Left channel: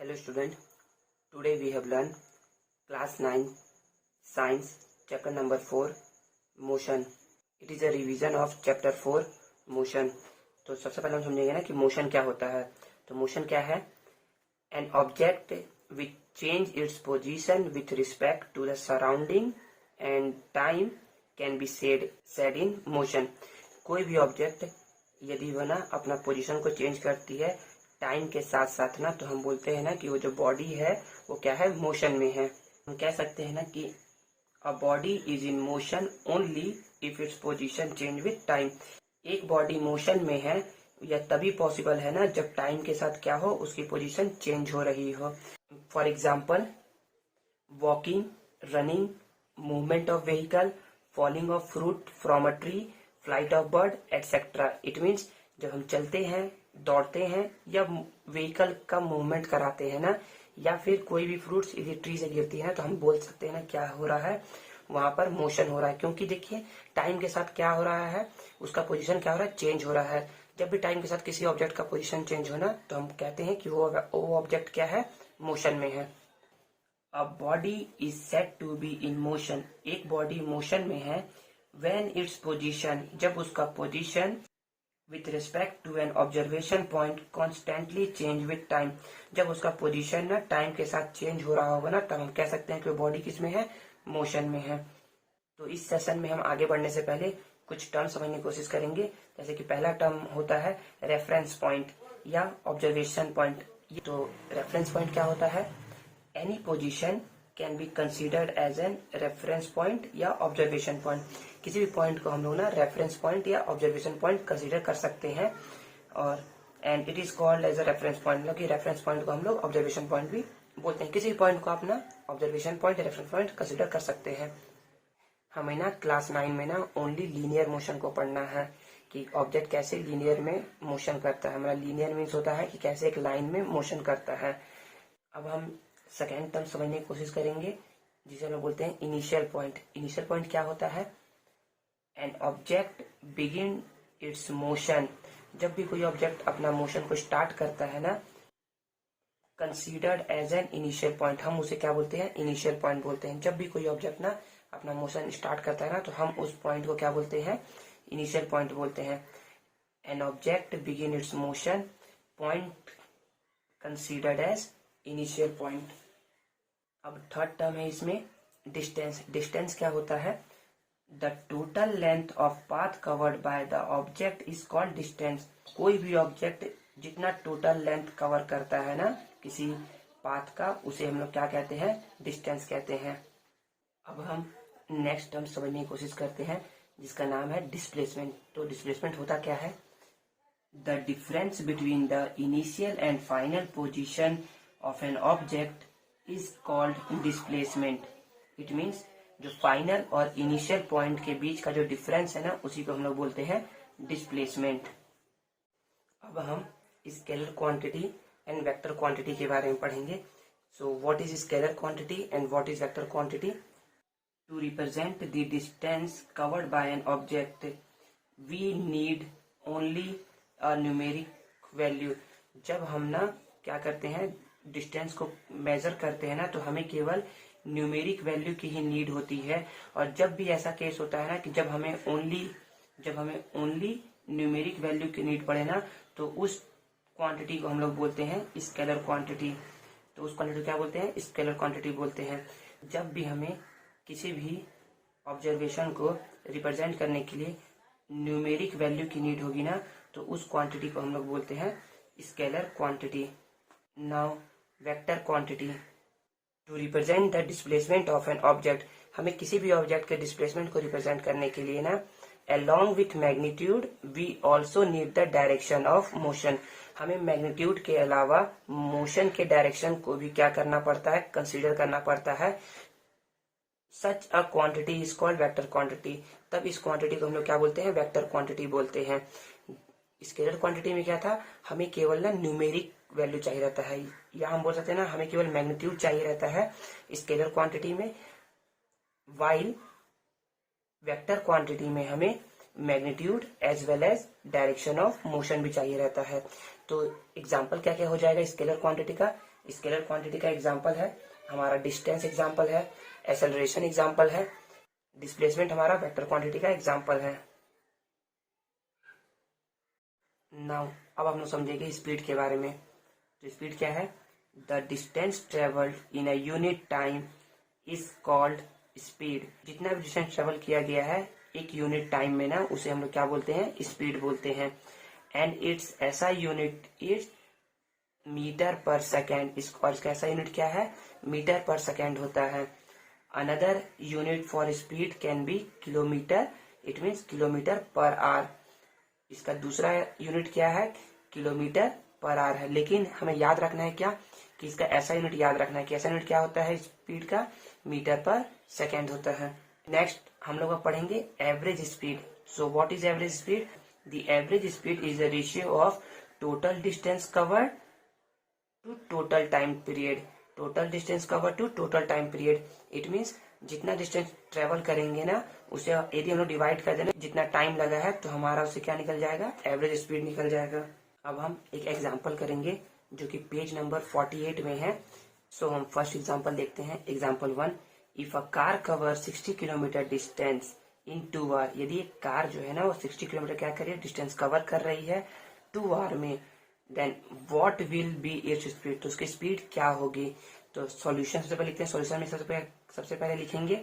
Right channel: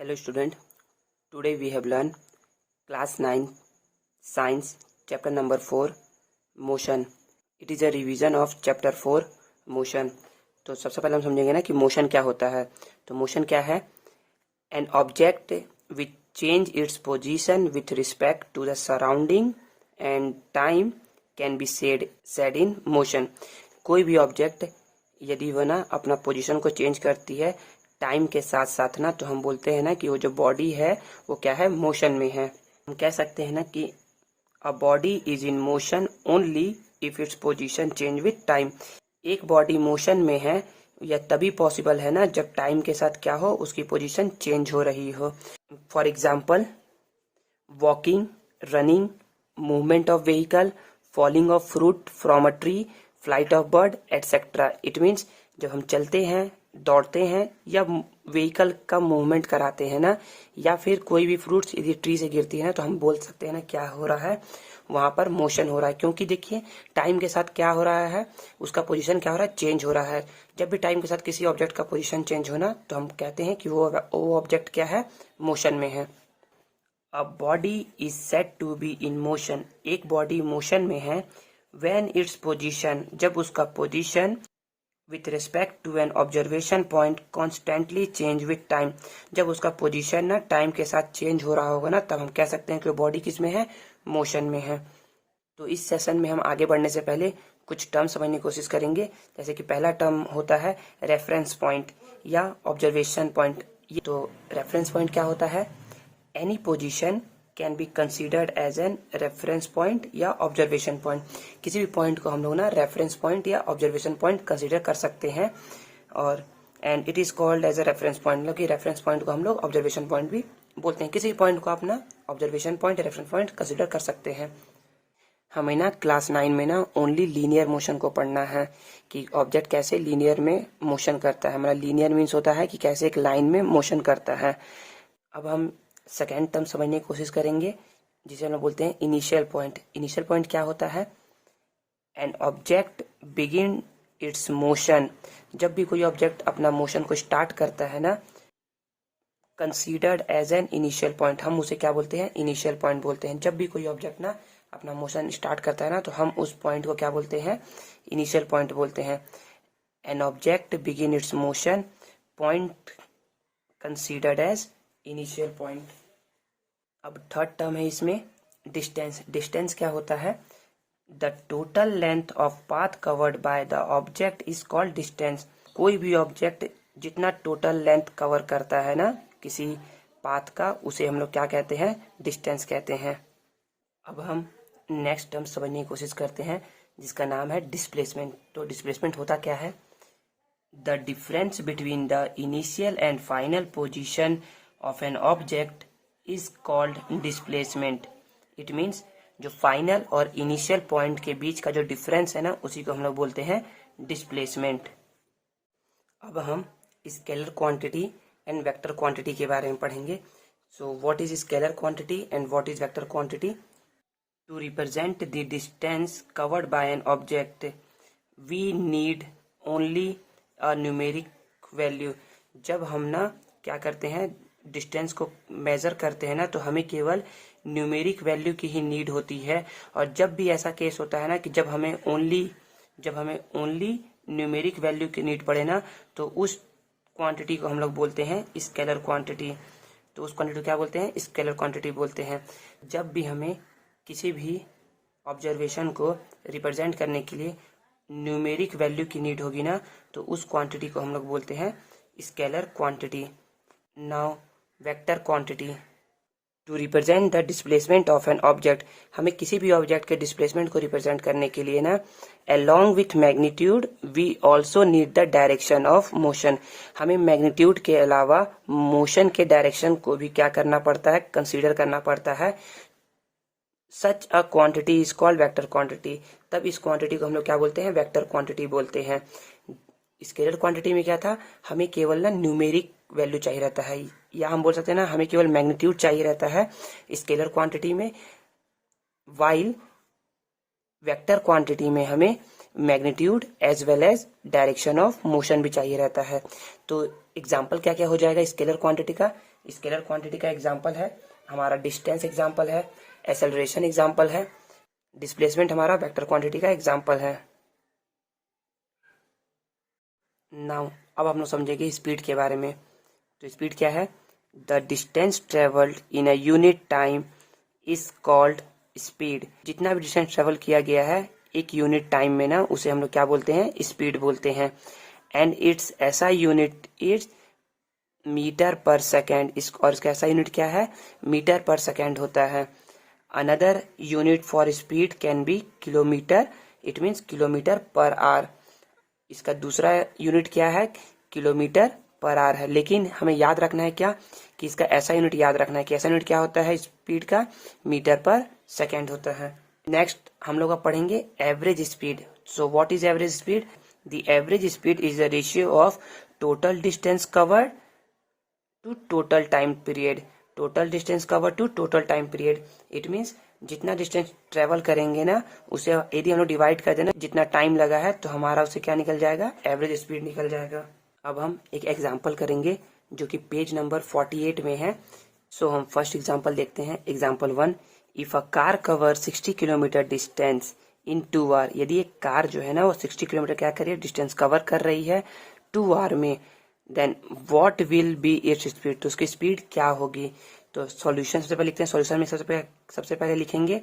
Hello student, today we have learned class 9 science chapter number 4 motion. It is a revision of chapter 4 motion. तो सबसे पहले हम समझेंगे ना कि मोशन क्या होता है. तो मोशन क्या है? An object which change its position with respect to the surrounding and time can be said in motion. कोई भी ऑब्जेक्ट यदि वह ना अपना पोजीशन को चेंज करती है टाइम के साथ साथ ना, तो हम बोलते हैं ना कि वो जो बॉडी है वो क्या है, मोशन में है. हम कह सकते हैं ना कि अ body is in motion only if its position change with time. एक बॉडी मोशन में है या तभी पॉसिबल है ना जब टाइम के साथ क्या हो, उसकी पोजीशन चेंज हो रही हो. For example walking, running, movement of vehicle, falling of fruit from a tree, flight of bird etcetera. It means जब हम चलते हैं, दौड़ते हैं या व्हीकल का मूवमेंट कराते हैं ना, या फिर कोई भी फ्रूट्स यदि ट्री से गिरती है ना, तो हम बोल सकते हैं ना क्या हो रहा है, वहां पर मोशन हो रहा है. क्योंकि देखिए टाइम के साथ क्या हो रहा है, उसका पोजीशन क्या हो रहा है, चेंज हो रहा है. जब भी टाइम के साथ किसी ऑब्जेक्ट का पोजीशन चेंज होना, तो हम कहते हैं कि वो ऑब्जेक्ट क्या है, मोशन में है. A body is said to B in motion. एक बॉडी मोशन में है व्हेन इट्स पोजीशन, जब उसका position with respect to an observation point constantly change with time. जब उसका पोजीशन ना टाइम के साथ चेंज हो रहा होगा ना, तब हम कह सकते हैं कि वो बॉडी किस में है, मोशन में है. तो इस सेशन में हम आगे बढ़ने से पहले कुछ टर्म समझने की कोशिश करेंगे. जैसे कि पहला टर्म होता है रेफरेंस पॉइंट या ऑब्जर्वेशन पॉइंट. ये तो रेफरेंस पॉइंट क्या होता है, any position can be considered as an reference point या ऑब्जर्वेशन पॉइंट. किसी भी पॉइंट को हम लोग ना रेफरेंस पॉइंट या ऑब्जर्वेशन पॉइंट कंसिडर कर सकते हैं. और and it is called as a reference point. मतलब कि रेफरेंस पॉइंट को हम लोग ऑब्जर्वेशन पॉइंट भी बोलते हैं. किसी भी पॉइंट को आप ना ऑब्जर्वेशन पॉइंट या रेफरेंस पॉइंट कंसिडर कर सकते हैं. हमें ना क्लास 9 में ना ओनली लीनियर मोशन को पढ़ना है कि ऑब्जेक्ट कैसे लीनियर में मोशन करता है. मतलब लीनियर मीन्स होता है कि कैसे एक लाइन में मोशन करता है. अब हम सेकेंड टर्म समझने की कोशिश करेंगे जिसे हम बोलते हैं इनिशियल पॉइंट. इनिशियल पॉइंट क्या होता है, N object begin its motion. जब भी कोई ऑब्जेक्ट अपना मोशन को स्टार्ट करता है ना, considered as an initial point, हम उसे क्या बोलते हैं, इनिशियल पॉइंट बोलते हैं. जब भी कोई ऑब्जेक्ट ना अपना मोशन स्टार्ट करता है ना, तो हम उस पॉइंट को क्या बोलते हैं, इनिशियल पॉइंट बोलते हैं. An object begin its motion, point considered as initial point. अब थर्ड टर्म है इसमें डिस्टेंस. डिस्टेंस क्या होता है, the total length of path covered by the object is called distance. कोई भी ऑब्जेक्ट जितना टोटल लेंथ कवर करता है ना किसी पाथ का, उसे हम लोग क्या कहते हैं, डिस्टेंस कहते हैं. अब हम नेक्स्ट टर्म समझने की कोशिश करते हैं जिसका नाम है डिस्प्लेसमेंट. तो डिस्प्लेसमेंट होता क्या है, the difference between the initial and final position of an object is called displacement. It means जो फाइनल और इनिशियल पॉइंट के बीच का जो डिफरेंस है ना, उसी को हम लोग बोलते हैं डिस्प्लेसमेंट. अब हम scalar quantity and vector quantity के बारे में पढ़ेंगे. So what is scalar quantity and what is vector quantity. To represent the distance covered by an object we need only a numeric value. जब हम ना क्या करते हैं, डिस्टेंस को मेजर करते हैं ना, तो हमें केवल न्यूमेरिक वैल्यू की ही नीड होती है. और जब भी ऐसा केस होता है ना कि जब हमें ओनली न्यूमेरिक वैल्यू की नीड पड़े ना, तो उस क्वांटिटी को हम लोग बोलते हैं स्केलर क्वांटिटी. तो उस क्वांटिटी को क्या बोलते हैं, स्केलर क्वांटिटी बोलते हैं. जब भी हमें किसी भी ऑब्जर्वेशन को रिप्रेजेंट करने के लिए न्यूमेरिक वैल्यू की नीड होगी ना, तो उस क्वांटिटी को हम लोग बोलते हैं scalar quantity. Now vector quantity. To represent the displacement of an object, हमें किसी भी ऑब्जेक्ट के डिस्प्लेसमेंट को रिप्रेजेंट करने के लिए ना, along with magnitude we also need the direction of motion. हमें मैग्नीट्यूड के अलावा मोशन के डायरेक्शन को भी क्या करना पड़ता है, कंसीडर करना पड़ता है. Such a quantity is called vector quantity. तब इस क्वांटिटी को हम लोग क्या बोलते हैं, वेक्टर क्वांटिटी बोलते हैं. स्केलर क्वांटिटी में क्या था, हमें केवल ना न्यूमेरिक वैल्यू चाहिए रहता है, या हम बोल सकते हैं ना हमें केवल मैग्नीट्यूड चाहिए रहता है स्केलर क्वांटिटी में. वाइल वेक्टर क्वांटिटी में हमें magnitude as well as direction of motion भी चाहिए रहता है. तो एग्जांपल क्या क्या हो जाएगा स्केलर क्वांटिटी का, स्केलर क्वांटिटी का एग्जांपल है, हमारा डिस्टेंस एग्जांपल है, एक्सेलरेशन एग्जांपल है, डिस्प्लेसमेंट हमारा वेक्टर क्वांटिटी का एग्जांपल है। नाउ अब हम लोग समझेंगे स्पीड के बारे में। तो स्पीड क्या है? The distance travelled in a unit time is called speed. जितना भी डिस्टेंस ट्रेवल किया गया है एक यूनिट टाइम में ना, उसे हम लोग क्या बोलते हैं? स्पीड बोलते हैं। एंड इट्स ऐसा unit it's metre per second. और इसका ऐसा यूनिट क्या है? मीटर पर सेकेंड होता है। Another unit for speed can be kilometre, it means kilometre per our. इसका दूसरा यूनिट क्या है? किलोमीटर पर आवर है। लेकिन हमें याद रखना है क्या? कि इसका ऐसा यूनिट याद रखना है कि ऐसा यूनिट क्या होता है स्पीड का? मीटर पर सेकेंड होता है। नेक्स्ट हम लोग अब पढ़ेंगे average speed. So what is average speed? The average speed is the ratio of total distance covered to total time period. Total distance cover to total time period, it means जितना distance travel करेंगे ना, उसे यदि हम लोग divide कर देना जितना टाइम लगा है, तो हमारा उससे क्या निकल जाएगा? एवरेज स्पीड निकल जाएगा। अब हम एक एग्जांपल करेंगे जो कि पेज नंबर 48 में है। सो हम फर्स्ट एग्जांपल देखते हैं। Example 1, if a car cover 60 kilometre distance in 2 hour. यदि एक कार जो है ना वो 60 किलोमीटर क्या कर रही है? डिस्टेंस कवर कर रही है 2 आवर में। Then what will be its speed? तो उसकी स्पीड क्या होगी? तो सॉल्यूशन सबसे पहले लिखते हैं। सॉल्यूशन में सबसे पहले लिखेंगे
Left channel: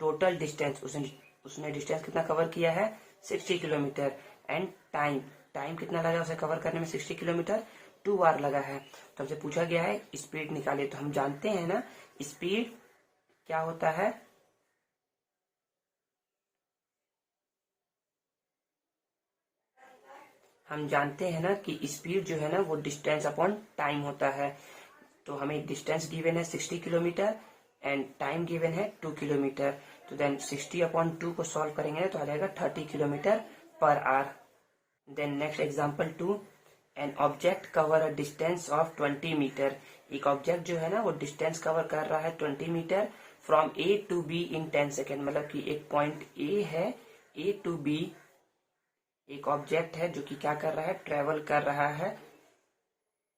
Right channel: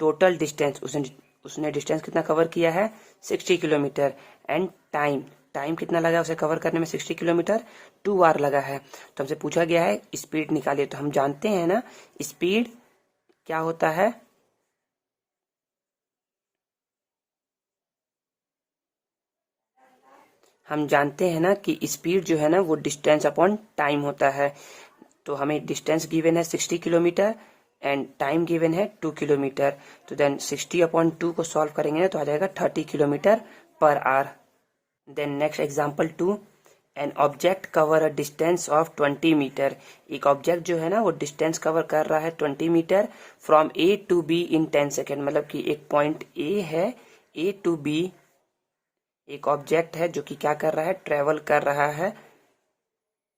टोटल डिस्टेंस। उसने डिस्टेंस कितना कवर किया है? 60 किलोमीटर। एंड टाइम कितना लगा उसे कवर करने में? 60 किलोमीटर, 2 आवर लगा है। तो हमसे पूछा गया है स्पीड निकालिए। तो हम जानते हैं ना स्पीड क्या होता है? हम जानते हैं ना कि स्पीड जो है ना वो डिस्टेंस अपॉन टाइम होता है। तो हमें डिस्टेंस गिवन है 60 किलोमीटर एंड टाइम गिवन है 2 किलोमीटर। तो देन 60 अपॉन 2 को सॉल्व करेंगे ना तो आ जाएगा 30 kilometre per hour. Then next example 2, an object cover a distance of 20 metre. एक ऑब्जेक्ट जो है ना वो डिस्टेंस कवर कर रहा है 20 metre from A to B in 10 second. मतलब कि एक पॉइंट ए है, ए टू बी एक ऑब्जेक्ट है जो कि क्या कर रहा है? ट्रेवल कर रहा है।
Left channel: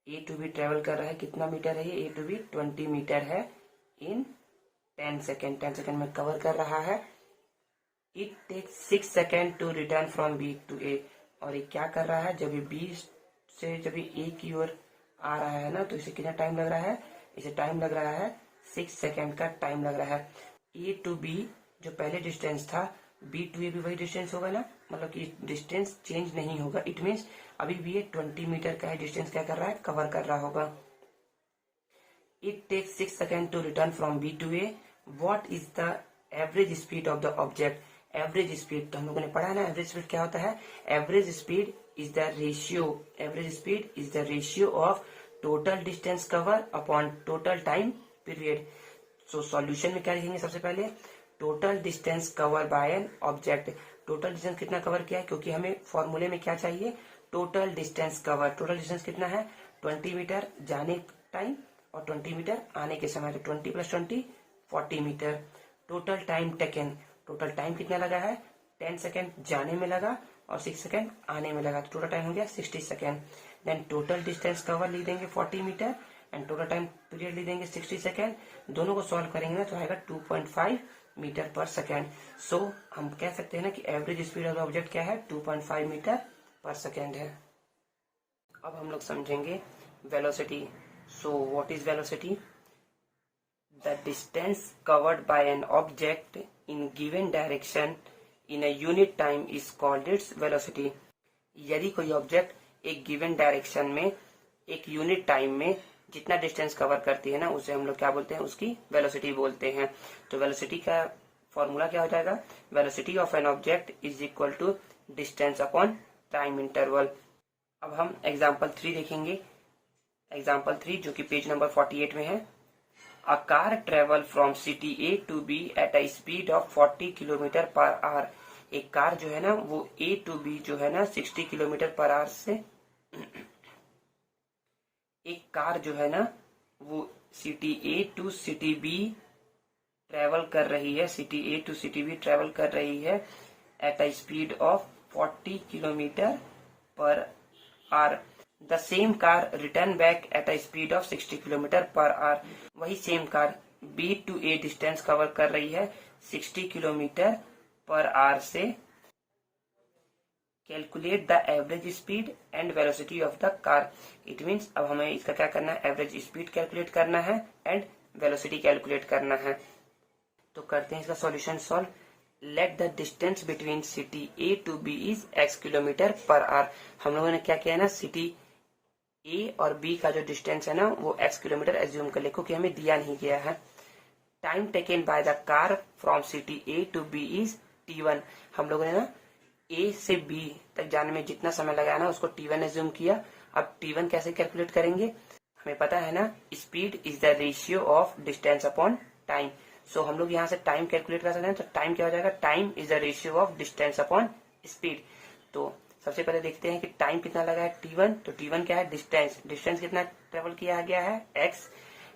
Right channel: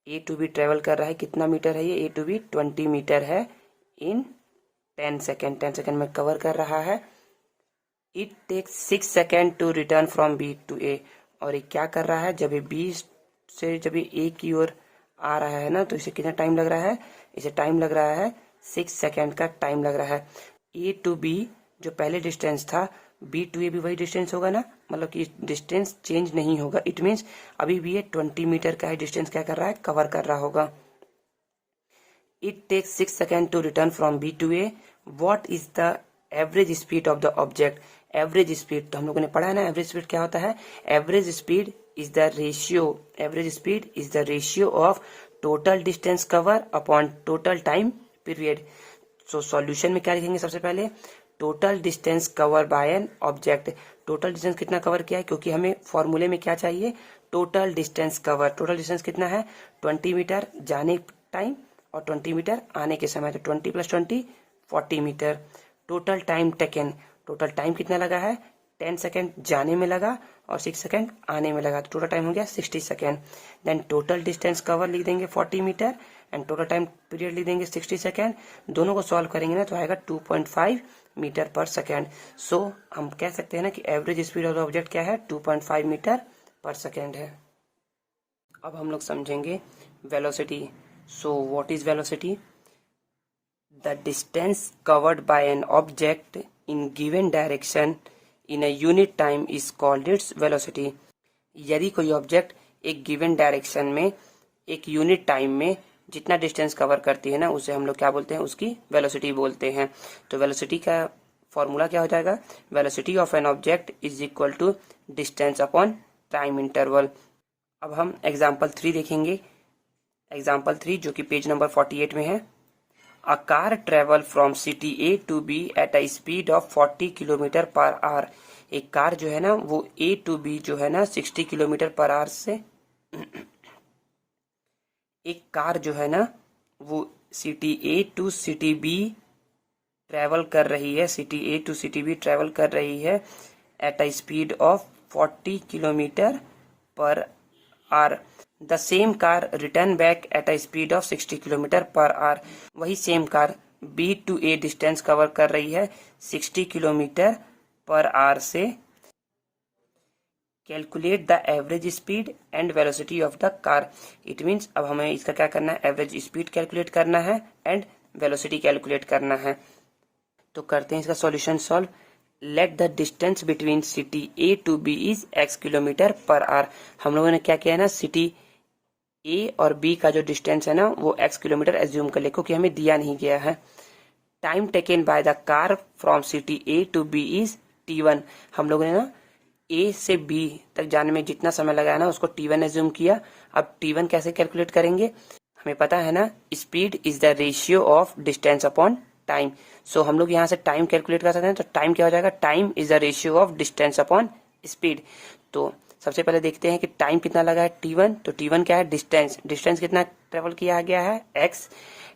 ए टू बी ट्रेवल कर रहा है, कितना मीटर है ये? ए टू बी 20 मीटर है इन 10 सेकेंड। 10 सेकेंड में कवर कर रहा है। It takes 6 second to return from B to A. और ये क्या कर रहा है? जब ये बी से जब ये ए की ओर आ रहा है ना, तो इसे कितना टाइम लग रहा है? इसे टाइम लग रहा है 6 सेकेंड का टाइम लग रहा है। ए टू बी जो पहले डिस्टेंस था, बी टू ए भी वही डिस्टेंस होगा ना, मतलब कि डिस्टेंस चेंज नहीं होगा। इट मीन्स अभी भी ये 20 मीटर का है डिस्टेंस क्या कर रहा है? कवर कर रहा होगा। It takes 6 second to return from B to A. What is the average speed of the object? Average speed तो हम लोगों ने पढ़ा है ना, एवरेज स्पीड क्या होता है? Average speed is the ratio, average speed is the ratio of total distance cover upon total time period. So solution में क्या लिखेंगे? सबसे पहले total distance cover bye an object. Total distance कितना कवर किया है? क्योंकि हमें फॉर्मूले में क्या चाहिए? Total distance cover. Total distance कितना है? 20 मीटर जाने टाइम और 20 मीटर आने के समय। तो 20 + 20 40 metre. Total time taken, total time कितना लगा है? 10 सेकेंड जाने में लगा और 6 सेकेंड आने में लगा। तो टोटल टाइम हो गया 60 second. Then total distance cover लिख देंगे 40 metre and total time period लिख देंगे 60 सेकेंड। दोनों को सॉल्व करेंगे ना तो आएगा 2.5 मीटर पर सेकेंड। सो हम कह सकते हैं ना कि average speed of the object क्या है? 2.5 मीटर पर सेकेंड है। अब हम लोग समझेंगे velocity. So what is velocity? The distance covered by an object in given direction in a unit time is called its velocity. यदि कोई ऑब्जेक्ट एक गिवन डायरेक्शन में एक यूनिट टाइम में जितना डिस्टेंस कवर करती है ना, उसे हम लोग क्या बोलते हैं? उसकी वेलोसिटी बोलते हैं। तो वेलोसिटी का फॉर्मूला क्या हो जाएगा? Velocity of an object is equal to distance upon time interval. अब हम एग्जाम्पल 3 देखेंगे। एग्जाम्पल 3 जो कि पेज नंबर 48 में है। A car travel from city A to B at a speed of 40 kilometre per our. एक कार जो है ना वो A to B जो है ना 60 किलोमीटर पर आवर से एक कार जो है ना वो city A to city B travel कर रही है। City A to city B travel कर रही है at a speed of 40 kilometre per hour. The same car return back at a speed of 60 kilometre per hour. वही same car B to A distance cover कर रही है 60 kilometre per hour से। Calculate the average speed and velocity of the car. It means अब हमें इसका क्या करना है, एवरेज स्पीड कैलकुलेट करना है एंड वेलोसिटी कैलकुलेट करना है। तो करते हैं इसका solution solve. Let the distance between city A to B is x kilometre per hour. हम लोगों ने क्या किया है ना, सिटी ए और बी का जो डिस्टेंस है ना वो x किलोमीटर एज्यूम कर ले, क्योंकि हमें दिया नहीं गया है। Time taken by the car from city A to B is t1। हम लोगों ने ना ए से बी तक जाने में जितना समय लगाया ना उसको t1 एज्यूम किया। अब t1 कैसे कैलकुलेट करेंगे, हमें पता है ना, speed is the ratio of distance upon time. So हम लोग यहाँ से टाइम कैलकुलेट कर सकते हैं। तो टाइम क्या हो जाएगा, time is the ratio of distance upon speed. तो सबसे पहले देखते हैं कि टाइम कितना लगा है t1। तो t1 क्या है, डिस्टेंस। डिस्टेंस कितना ट्रेवल किया गया है x,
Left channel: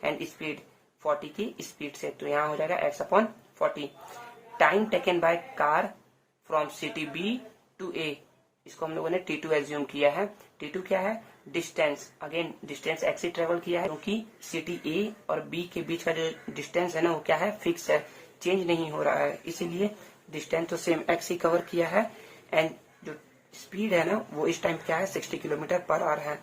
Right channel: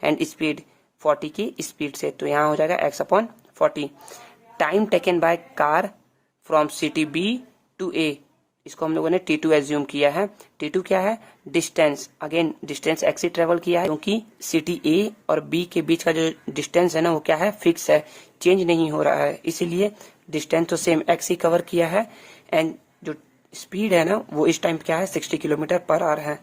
एंड स्पीड 40 की स्पीड से, तो यहाँ हो जाएगा x upon 40। Time taken by car from city B to A, इसको हम लोगों ने t2 एज्यूम किया है। t2 क्या है, डिस्टेंस। अगेन डिस्टेंस x ही ट्रेवल किया है, क्योंकि सिटी ए और बी के बीच का जो डिस्टेंस है ना वो क्या है, फिक्स है, चेंज नहीं हो रहा है, इसीलिए डिस्टेंस तो सेम x ही कवर किया है। एंड जो स्पीड है ना वो इस टाइम क्या है, 60 किलोमीटर पर आवर है।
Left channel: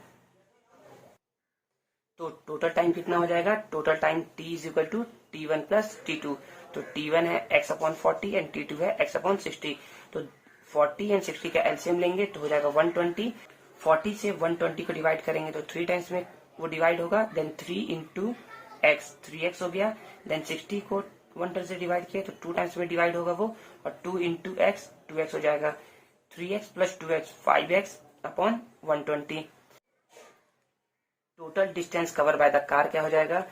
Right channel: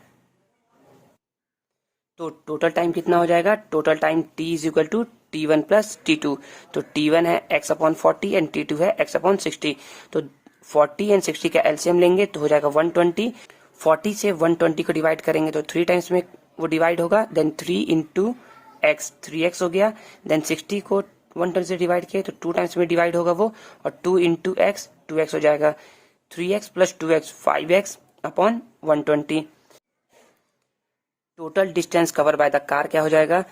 तो टोटल टाइम कितना हो जाएगा, total time t is equal to t1 plus t2। तो t1 है x अपॉन 40 एंड t2 है x अपॉन 60। तो 40 एंड 60 का एलसीएम लेंगे तो हो जाएगा 120। 40 से 120 को डिवाइड करेंगे तो 3 टाइम्स में वो डिवाइड होगा, देन 3 इंटू एक्स, 3x हो गया। देन 60 को 120 से डिवाइड किए तो 2 टाइम्स में डिवाइड होगा वो, और 2 इंटू एक्स 2x हो जाएगा। 3x plus 2x 5x upon 120। Total distance cover by the car क्या हो जाएगा,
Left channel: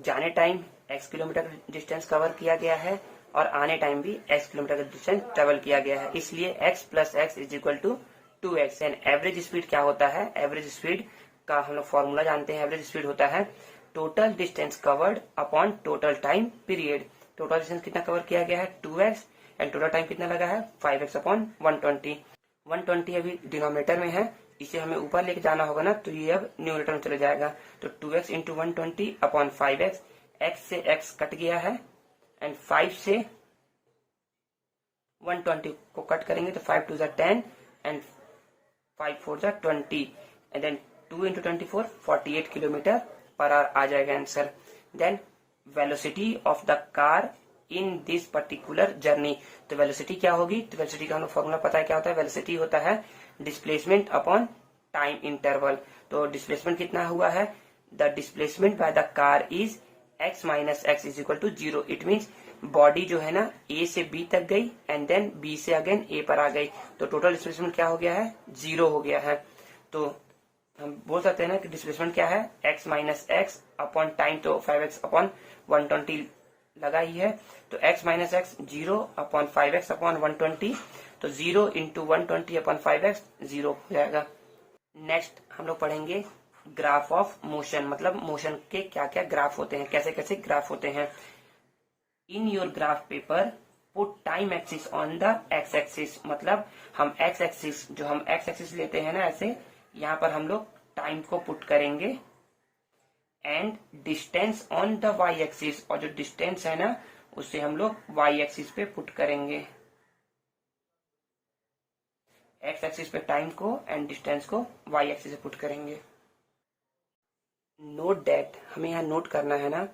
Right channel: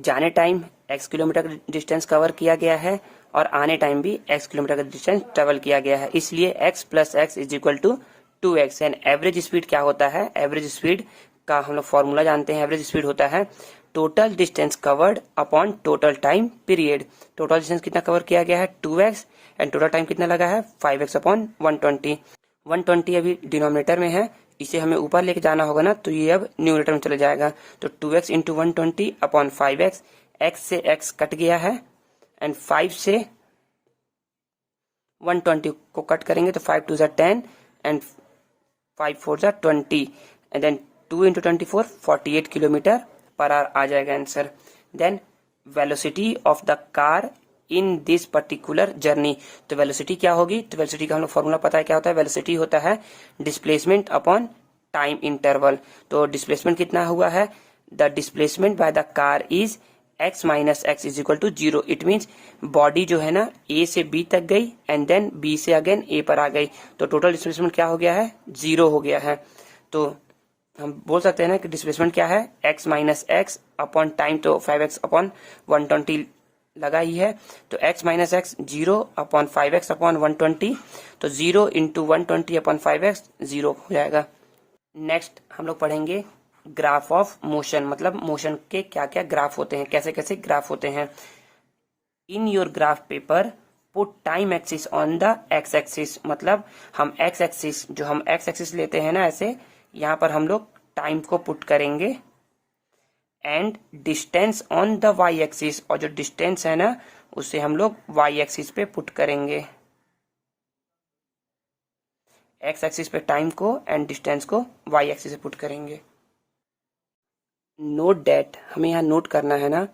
जाने टाइम x किलोमीटर का डिस्टेंस कवर किया गया है और आने टाइम भी x किलोमीटर का डिस्टेंस ट्रेवल किया गया है, इसलिए x plus x is equal to 2x। And average speed क्या होता है, एवरेज स्पीड का हम लोग फॉर्मूला जानते हैं। एवरेज स्पीड होता है total distance covered upon total time period. Total distance कितना कवर किया गया है 2x, एंड टोटल टाइम कितना लगा है 5x अपॉन 120। 120 अभी डिनोमिनेटर में है, इसे हमें ऊपर लेके जाना होगा ना, तो ये अब न्यूमरेटर में चले जाएगा। तो 2x into 120 upon 5x, x से x कट गया है, एंड 5 से 120 को कट करेंगे तो 5 2 10 and 5 4 20, and then 2 into 24 48 kilometre per hour आ जाएगा answer. Then velocity of the car in this particular journey. तो वेलोसिटी क्या होगी, तो वेलोसिटी का हम लोग फॉर्मूला पता है क्या होता है, वेलोसिटी होता है डिस्प्लेसमेंट अपॉन टाइम इंटरवल। तो डिस्प्लेसमेंट कितना हुआ है, the displacement by the car is x minus x is equal to 0। It means body जो है ना a से b तक गई एंड देन b से अगेन a पर आ गई, तो टोटल डिस्प्लेसमेंट क्या हो गया है, 0 हो गया है। तो हम बोल सकते हैं ना कि डिस्प्लेसमेंट क्या है, x minus x upon time, तो 5x अपॉन 120 लगा ही है, तो x minus x 0 upon 5x upon 120, तो 0 इंटू 120 अपॉन 5x 0 हो जाएगा। नेक्स्ट हम लोग पढ़ेंगे ग्राफ ऑफ मोशन, मतलब मोशन के क्या क्या ग्राफ होते हैं, कैसे कैसे ग्राफ होते हैं। In your graph paper put time axis on the x axis, मतलब हम एक्स एक्सिस, जो हम एक्स एक्सिस लेते हैं ना ऐसे, यहाँ पर हम लोग टाइम को पुट करेंगे, and distance on the y axis, और जो डिस्टेंस है ना उसे हम लोग वाई एक्सिस पे पुट करेंगे। एक्स एक्सिस पे टाइम को एंड डिस्टेंस को वाई एक्सिस पे पुट करेंगे। नोट डेट, हमें यहाँ नोट करना है ना,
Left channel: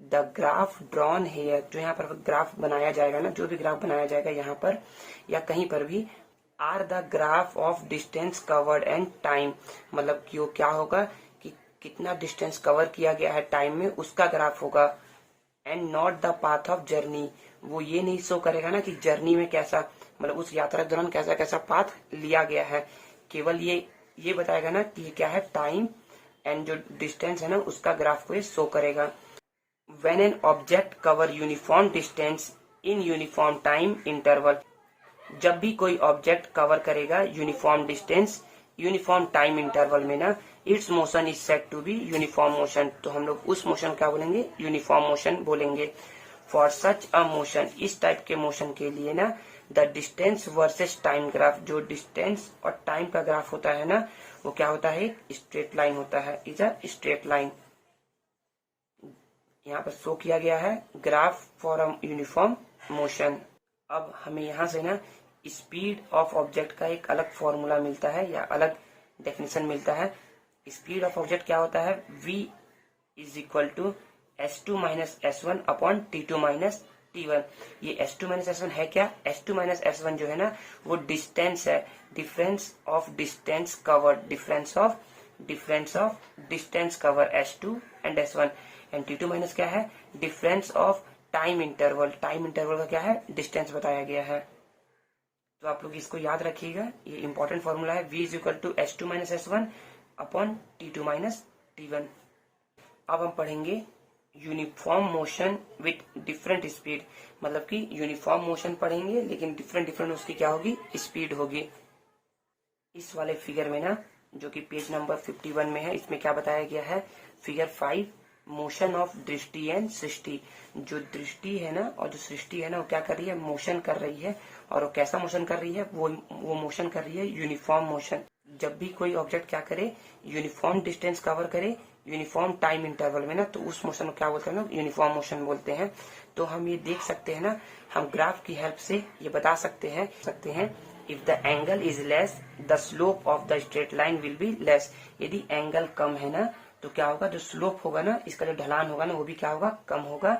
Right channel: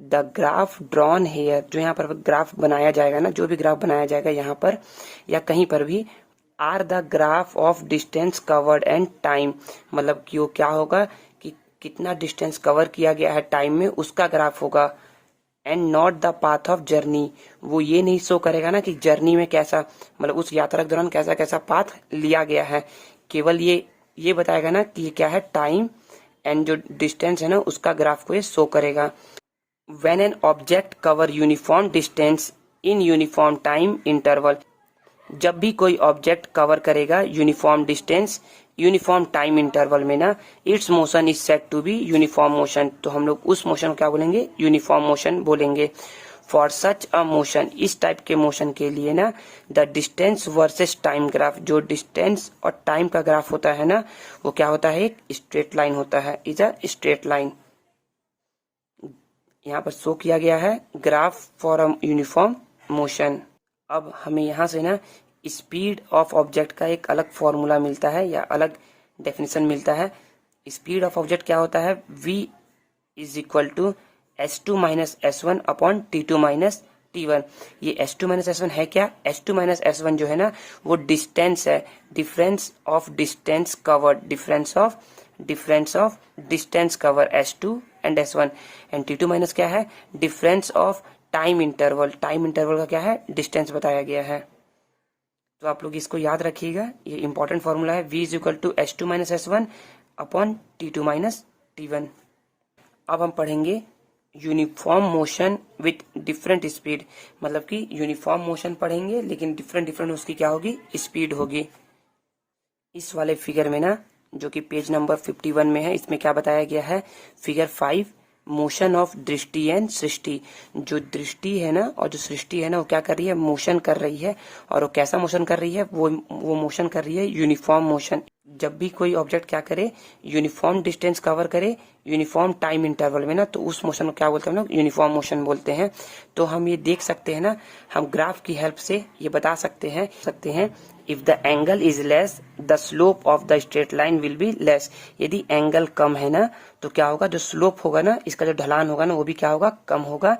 द ग्राफ ड्रॉन हेयर, जो यहाँ पर ग्राफ बनाया जाएगा ना, जो भी ग्राफ बनाया जाएगा यहाँ पर या कहीं पर भी, or the graph of distance covered and time, मतलब कि वो क्या होगा कि कितना डिस्टेंस कवर किया गया है टाइम में उसका ग्राफ होगा। And not the path of journey, वो ये नहीं शो करेगा ना कि जर्नी में कैसा, मतलब उस यात्रा के दौरान कैसा कैसा पाथ लिया गया है, केवल ये बताएगा ना कि ये क्या है टाइम, एंड जो डिस्टेंस है ना उसका ग्राफ को ये शो करेगा। When an object cover uniform distance in uniform time interval, जब भी कोई ऑब्जेक्ट कवर करेगा uniform distance uniform time interval में ना, it's motion is said to be uniform motion, तो हम लोग उस मोशन क्या बोलेंगे, यूनिफॉर्म मोशन बोलेंगे। फॉर सच अ मोशन, इस टाइप के मोशन के लिए ना, the distance versus time graph, जो डिस्टेंस और टाइम का ग्राफ होता है ना, वो क्या होता है, एक स्ट्रेट लाइन होता है, इज अ स्ट्रेट लाइन। यहाँ पर शो किया गया है graph for a uniform motion. अब हमें यहाँ से ना स्पीड ऑफ ऑब्जेक्ट का एक अलग फॉर्मूला मिलता है या अलग डेफिनेशन मिलता है। स्पीड ऑफ ऑब्जेक्ट क्या होता है, v is equal to s2 minus s1 upon t2 minus t1। ये s2 माइनस s1 है क्या, s2 माइनस s1 जो है ना वो डिस्टेंस है, difference of distance covered, difference of distance cover s2 and s1। And t2 minus क्या है, difference of time interval, time interval का क्या है, डिस्टेंस बताया गया है। तो आप लोग इसको याद रखिएगा, ये इंपॉर्टेंट फॉर्मूला है, v is equal to s2 minus s1 upon t2 minus t1। अब हम पढ़ेंगे uniform motion with different speed, मतलब कि यूनिफॉर्म मोशन पढ़ेंगे लेकिन डिफरेंट उसकी क्या होगी, स्पीड होगी। इस वाले फिगर में ना, जो कि पेज नंबर 51 में है, इसमें क्या बताया गया है, फिगर 5, मोशन ऑफ दृष्टि एंड सृष्टि। जो दृष्टि है ना और जो सृष्टि है ना, वो क्या कर रही है, मोशन कर रही है। और वो कैसा मोशन कर रही है, वो मोशन कर रही है यूनिफॉर्म मोशन। जब भी कोई ऑब्जेक्ट क्या करे, यूनिफॉर्म डिस्टेंस कवर करे यूनिफॉर्म टाइम इंटरवल में ना, तो उस मोशन को क्या बोलते हैं हम लोग, यूनिफॉर्म मोशन बोलते हैं। तो हम ये देख सकते हैं ना, हम ग्राफ की हेल्प से ये बता सकते हैं if the angle is less the slope of the straight line will be less. यदि एंगल कम है ना, तो क्या होगा, जो स्लोप होगा ना, इसका जो ढलान होगा ना, वो भी क्या होगा, कम होगा।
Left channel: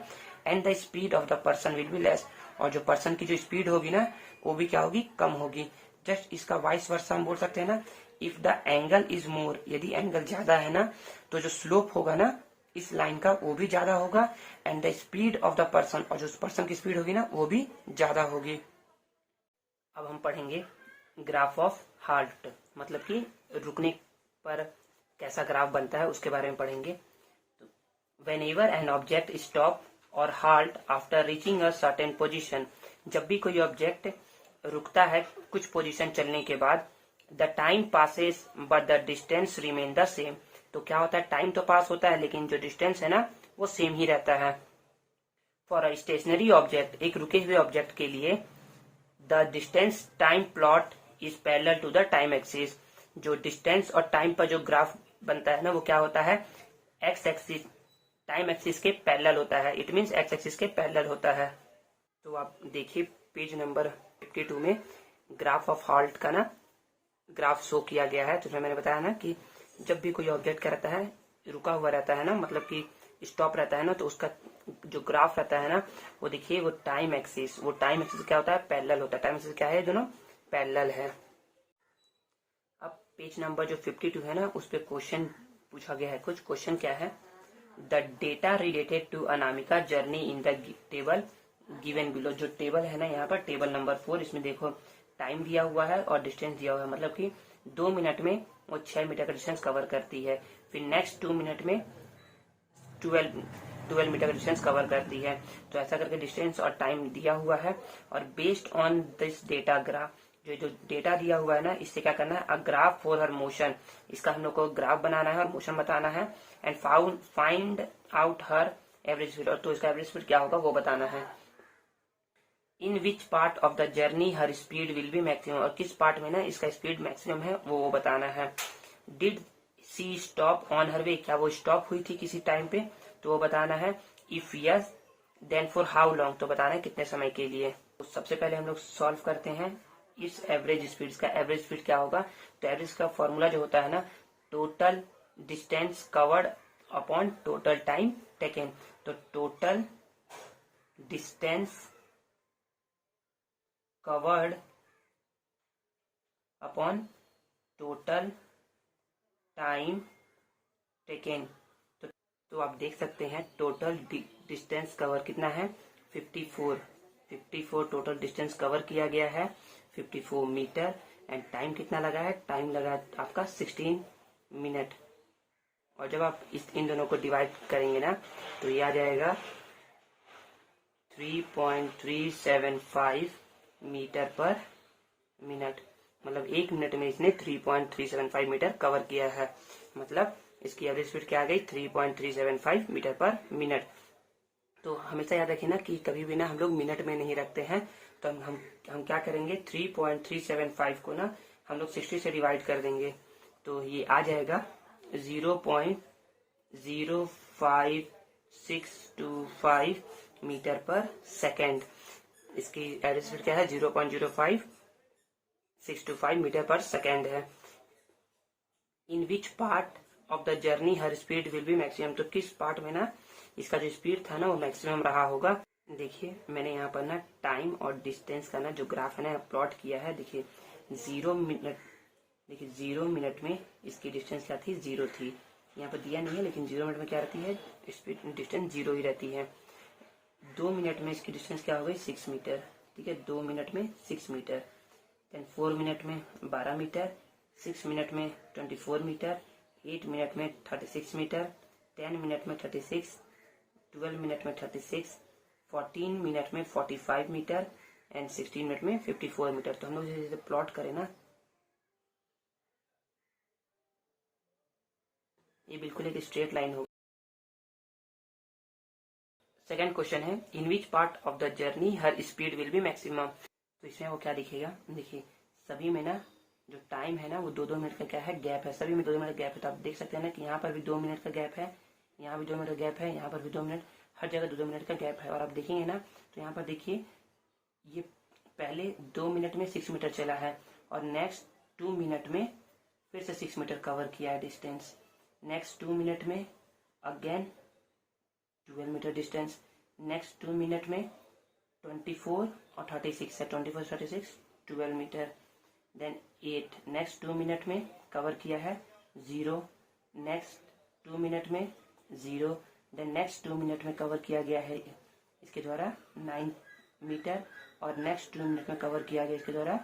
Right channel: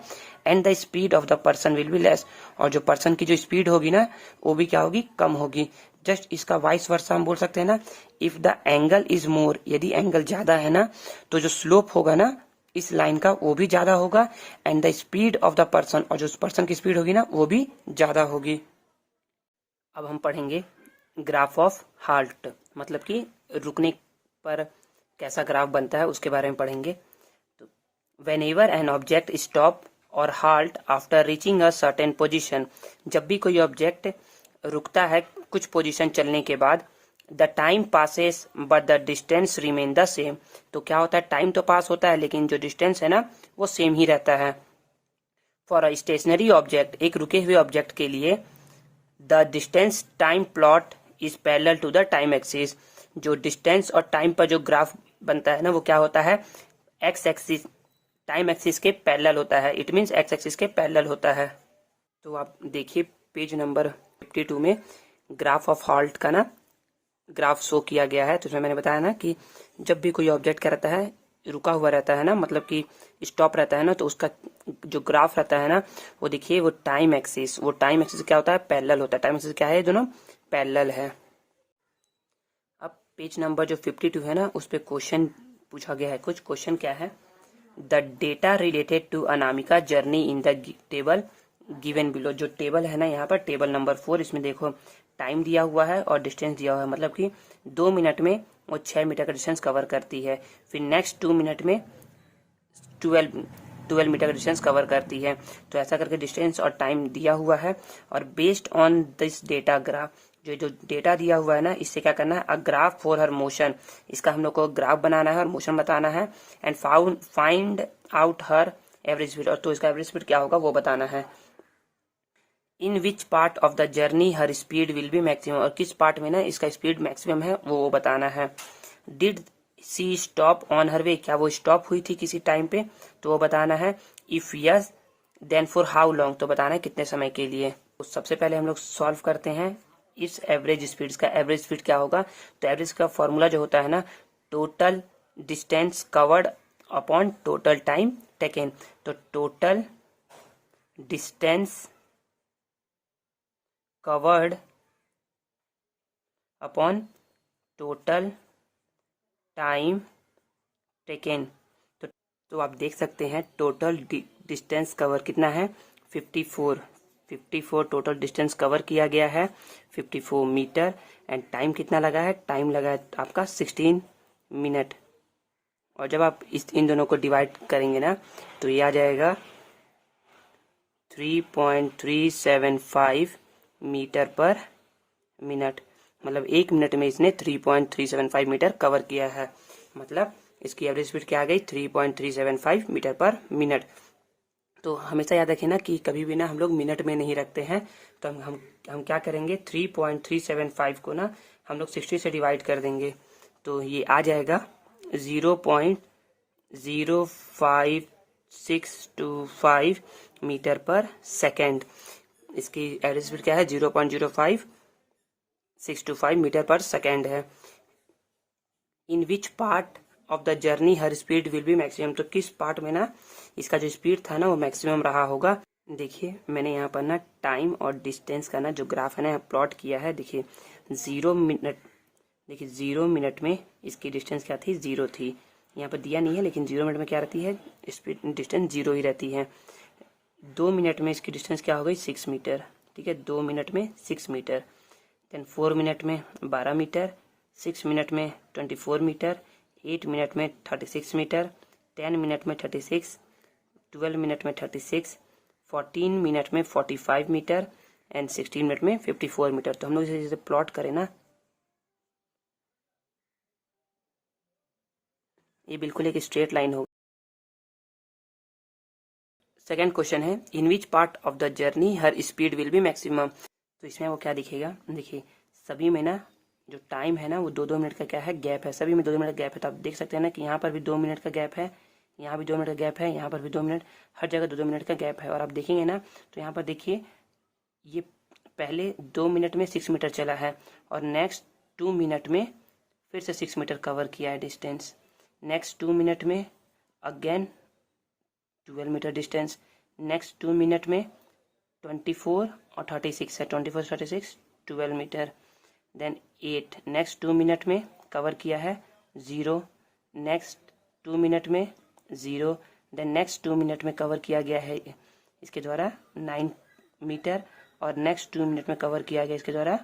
And the speed of the person will be less, और जो पर्सन की जो स्पीड होगी ना, वो भी क्या होगी, कम होगी। जस्ट इसका वाइस वर्सा हम बोल सकते हैं ना, if the angle is more, यदि एंगल ज्यादा है ना, तो जो स्लोप होगा ना इस लाइन का, वो भी ज्यादा होगा। And the speed of the person, और जो पर्सन की स्पीड होगी ना, वो भी ज्यादा होगी। अब हम पढ़ेंगे ग्राफ ऑफ हाल्ट, मतलब कि रुकने पर कैसा ग्राफ बनता है, उसके बारे में पढ़ेंगे। तो व्हेनेवर एन ऑब्जेक्ट स्टॉप और halt after reaching a certain position, जब भी कोई ऑब्जेक्ट रुकता है कुछ पोजीशन चलने के बाद, the time passes but the distance remain the same. तो क्या होता है, टाइम तो पास होता है लेकिन जो डिस्टेंस है ना, वो सेम ही रहता है। फॉर अ स्टेशनरी ऑब्जेक्ट, एक रुके हुए ऑब्जेक्ट के लिए, the distance time plot is parallel to the time axis. जो डिस्टेंस और टाइम पर जो ग्राफ बनता है ना, वो क्या होता है, एक्स एक्सिस, टाइम एक्सिस के पैरेलल होता है। इट मीन्स एक्स एक्सिस के पैरेलल होता है। तो आप देखिए पेज नंबर 52 में ग्राफ ऑफ हाल्ट का ना ग्राफ शो किया गया है। तो उसमें मैंने बताया ना कि जब भी कोई ऑब्जेक्ट क्या रहता है, रुका हुआ रहता है ना, मतलब कि स्टॉप रहता है ना, तो उसका जो ग्राफ रहता है ना, वो देखिए, वो टाइम एक्सिस क्या होता है, पैरेलल होता है। टाइम एक्सिस क्या है, दोनों पैरेलल है। अब पेज नंबर जो 52 है ना, उस पर क्वेश्चन पूछा गया है। कुछ क्वेश्चन क्या है, the data related to Anamika journey in the table given below. जो टेबल है ना, यहाँ पर टेबल नंबर 4, इसमें देखो टाइम दिया हुआ है और डिस्टेंस दिया हुआ है, मतलब कि 2 मिनट में वो 6 मीटर का डिस्टेंस कवर करती है। फिर नेक्स्ट 2 मिनट में 12 मीटर का डिस्टेंस कवर करती है। तो ऐसा करके डिस्टेंस और टाइम दिया हुआ है। और based on this data graph, जो डेटा दिया हुआ है ना, इससे क्या करना है, a graph for her motion, इसका हम लोग को ग्राफ बनाना है और मोशन बताना है। And find out her average speed, और तो इसका एवरेज स्पीड क्या होगा वो बताना है। In which part of the journey her speed will be maximum, और किस पार्ट में ना इसका स्पीड मैक्सिमम है वो बताना है। Did she stop on her way, क्या वो स्टॉप हुई थी किसी टाइम पे, तो वो बताना है। If yes then for how long, तो बताना है कितने समय के लिए। तो सबसे पहले हम लोग सॉल्व करते हैं इस एवरेज स्पीड का। एवरेज स्पीड क्या होगा, तो एवरेज का फॉर्मूला जो होता है ना, total distance covered upon total time taken. तो total distance covered upon total time taken. तो आप देख सकते हैं टोटल डिस्टेंस कवर कितना है, 54 टोटल डिस्टेंस कवर किया गया है, 54 मीटर। एंड टाइम कितना लगा है, टाइम लगा है आपका 16 मिनट। और जब आप इन दोनों को डिवाइड करेंगे ना, तो ये आ जाएगा 3.375 मीटर पर मिनट। मतलब 1 मिनट में इसने 3.375 मीटर कवर किया है। मतलब इसकी एवरेज स्पीड क्या आ गई, 3.375 मीटर पर मिनट। तो हमेशा याद रखें ना कि कभी भी ना हम लोग मिनट में नहीं रखते हैं। तो हम क्या करेंगे, 3.375 को ना हम लोग 60 से डिवाइड कर देंगे, तो ये आ जाएगा 0.05625 मीटर पर सेकेंड। इसकी एवरेज स्पीड क्या है, 0.05625 मीटर पर सेकेंड है। In which part of the journey her speed will be maximum, तो किस पार्ट में ना इसका जो स्पीड था ना वो मैक्सिमम रहा होगा। देखिए मैंने यहाँ पर ना टाइम और डिस्टेंस का ना जो ग्राफ है ना प्लॉट किया है। देखिए 0 मिनट में इसकी डिस्टेंस क्या थी, 0 थी। यहाँ पर दिया नहीं है लेकिन 0 मिनट में क्या रहती है, स्पीड डिस्टेंस 0 ही रहती है। 2 मिनट में इसकी डिस्टेंस क्या हो गई, 6 मीटर। ठीक है, 2 मिनट में 6 मीटर। देन 4 मिनट में 12 मीटर, 6 मिनट में 24 मीटर, 8 मिनट में 36 मीटर, 10 मिनट में 36, 12 मिनट में 36, 14 मिनट में 45 मीटर एंड 16 मिनट में 54 मीटर। तो हम लोग इसे जैसे प्लॉट करें ना, ये बिल्कुल एक स्ट्रेट लाइन होगा। सेकेंड क्वेश्चन है, in which part of the journey her speed will be maximum. तो इसमें वो क्या दिखेगा, देखिए सभी में ना जो टाइम है ना वो 2-2 मिनट का क्या है, गैप है। सभी में 2-2 मिनट का गैप है। तो आप देख सकते हैं ना कि यहाँ पर भी 2 मिनट का गैप है, यहाँ भी 2 मिनट का गैप है, यहाँ पर भी 2 मिनट, हर जगह 2-2 मिनट का गैप है। और आप देखेंगे ना तो यहाँ पर देखिए ये पहले 2 मिनट में 6 मीटर चला है और नेक्स्ट 2 मिनट में फिर से 6 मीटर कवर किया है डिस्टेंस। नेक्स्ट 2 मिनट में again 12 metre distance. Next 2 minute में 24 और 36 है, 24 36 12 मीटर। देन 8 नेक्स्ट 2 मिनट में कवर किया है 0। नेक्स्ट 2 मिनट में 0। देन नेक्स्ट 2 मिनट में कवर किया गया है इसके द्वारा 9 मीटर और नेक्स्ट 2 मिनट में कवर किया गया इसके द्वारा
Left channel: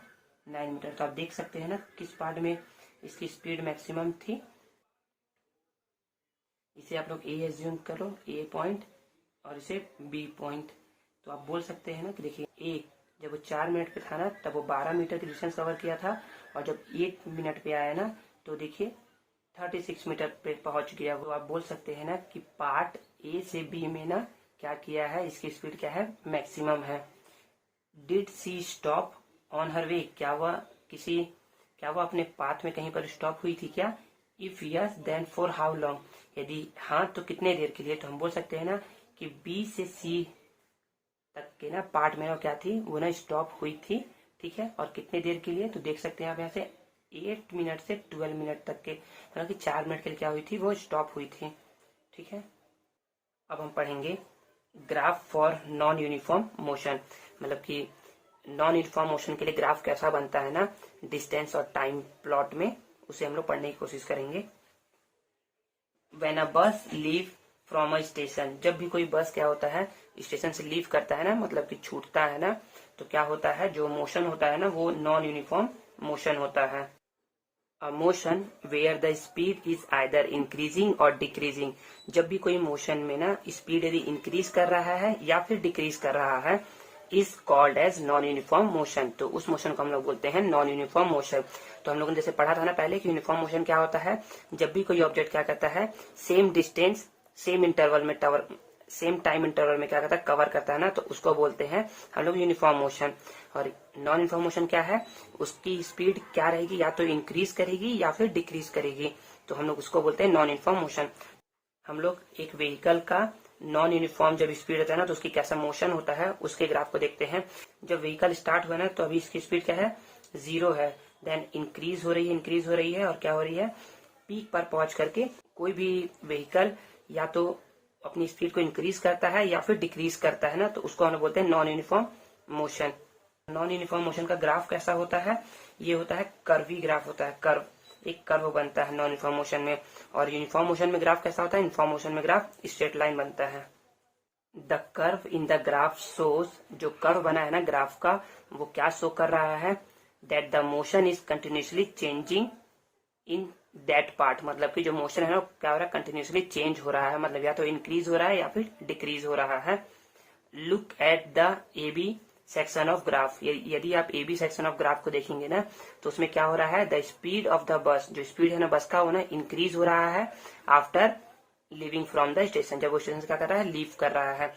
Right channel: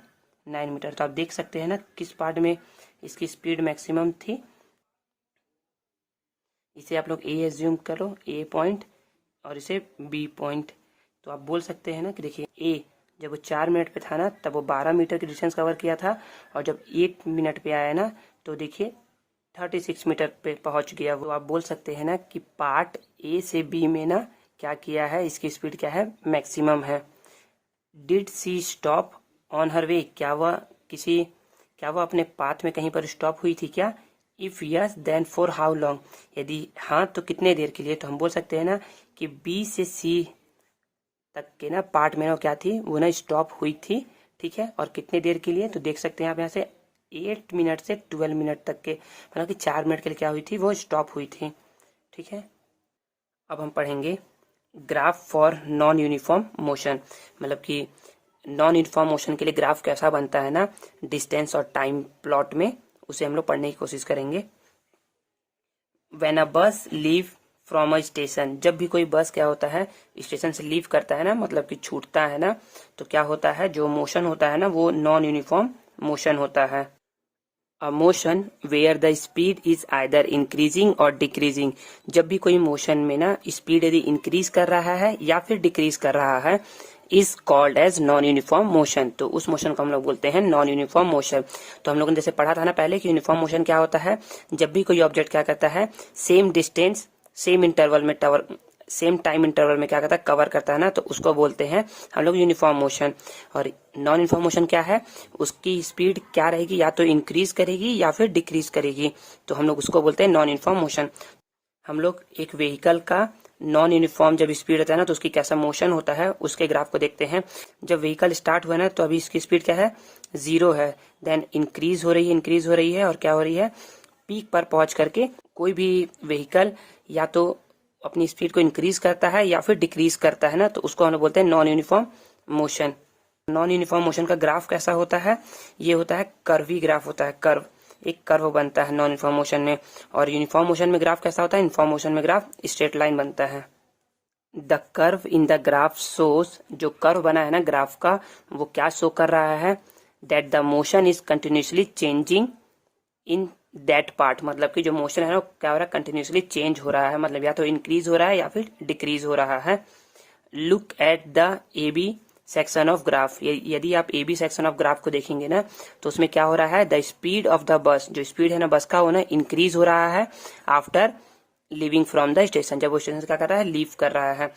9 मीटर। तो आप देख सकते हैं ना किस पार्ट में इसकी स्पीड मैक्सिमम थी। इसे आप लोग ए एज्यूम करो, ए पॉइंट, और इसे बी पॉइंट। तो आप बोल सकते हैं ना कि देखिए ए जब वो 4 मिनट पे था ना तब वो 12 मीटर की डिस्टेंस कवर किया था, और जब 8 मिनट पे आया ना तो देखिए 36 मीटर पे पहुंच गया। वो आप बोल सकते हैं ना कि पार्ट ए से बी में ना क्या किया है, इसकी स्पीड क्या है, मैक्सिमम है। Did she stop on her way, क्या वो अपने पाथ में कहीं पर स्टॉप हुई थी क्या। If yes then for how long, यदि हाँ तो कितने देर के लिए। तो हम बोल सकते हैं ना कि बी से सी तक के ना पार्ट में ना क्या थी, वो ना स्टॉप हुई थी। ठीक है, और कितने देर के लिए, तो देख सकते हैं आप यहाँ से 8 मिनट से 12 मिनट तक के, मतलब कि 4 मिनट के लिए क्या हुई थी, वो स्टॉप हुई थी। ठीक है, अब हम पढ़ेंगे graph for non uniform motion, मतलब कि नॉन यूनिफॉर्म मोशन के लिए ग्राफ कैसा बनता है ना डिस्टेंस और टाइम प्लॉट में, उसे हम लोग पढ़ने की कोशिश करेंगे। व्हेन अ बस लीव फ्रॉम अ स्टेशन, जब भी कोई बस क्या होता है स्टेशन से लीव करता है ना, मतलब कि छूटता है ना, तो क्या होता है, जो मोशन होता है ना वो नॉन यूनिफॉर्म मोशन होता है। A motion where the speed is either increasing और डिक्रीजिंग, जब भी कोई मोशन में ना स्पीड यदि इंक्रीज कर रहा है या फिर डिक्रीज कर रहा है, is called as non uniform motion, तो उस मोशन को हम लोग बोलते हैं नॉन यूनिफॉर्म मोशन। तो हम लोगों ने जैसे पढ़ा था ना पहले कि यूनिफॉर्म मोशन क्या होता है, जब भी कोई ऑब्जेक्ट क्या करता है सेम डिस्टेंस सेम इंटरवल में सेम टाइम इंटरवल में क्या करता है, कवर करता है ना, तो उसको बोलते हैं हम लोग यूनिफॉर्म मोशन। और नॉन यूनिफॉर्म मोशन क्या है, उसकी स्पीड क्या रहेगी, या तो इंक्रीज करेगी या फिर डिक्रीज करेगी, तो हम लोग उसको बोलते हैं नॉन यूनिफॉर्म मोशन। हम लोग एक व्हीकल का नॉन यूनिफॉर्म जब स्पीड होता है ना तो उसकी कैसा मोशन होता है उसके ग्राफ को देखते हैं। जब व्हीकल स्टार्ट हुआ ना तो अभी इसकी स्पीड क्या है, 0 है। देन इंक्रीज हो रही है और क्या हो रही है, पीक पर पहुंच करके कोई भी व्हीकल या तो अपनी स्पीड को इंक्रीज करता है या फिर डिक्रीज करता है ना, तो उसको हम लोग बोलते हैं non uniform motion. Non uniform motion का ग्राफ कैसा होता है, ये होता है कर्वी ग्राफ होता है, कर्व, एक कर्व बनता है नॉन यूनिफॉर्म मोशन में। और यूनिफॉर्म मोशन में ग्राफ कैसा होता है, यूनिफॉर्म मोशन में ग्राफ स्ट्रेट लाइन बनता है। The curve in the graph shows, जो कर्व बना है ना ग्राफ का वो क्या शो कर रहा है, that the motion is continuously changing in that part, मतलब कि जो मोशन है ना क्या हो रहा है, कंटिन्यूसली चेंज हो रहा है, मतलब या तो इंक्रीज हो रहा है या फिर डिक्रीज हो रहा है। Look at the A B section of graph, यदि आप A B section of graph को देखेंगे ना तो उसमें क्या हो रहा है, the speed of the bus, जो स्पीड है ना बस का वो ना इंक्रीज हो रहा है after living from the station, जब वो स्टेशन से क्या कर रहा है, लीव कर रहा है।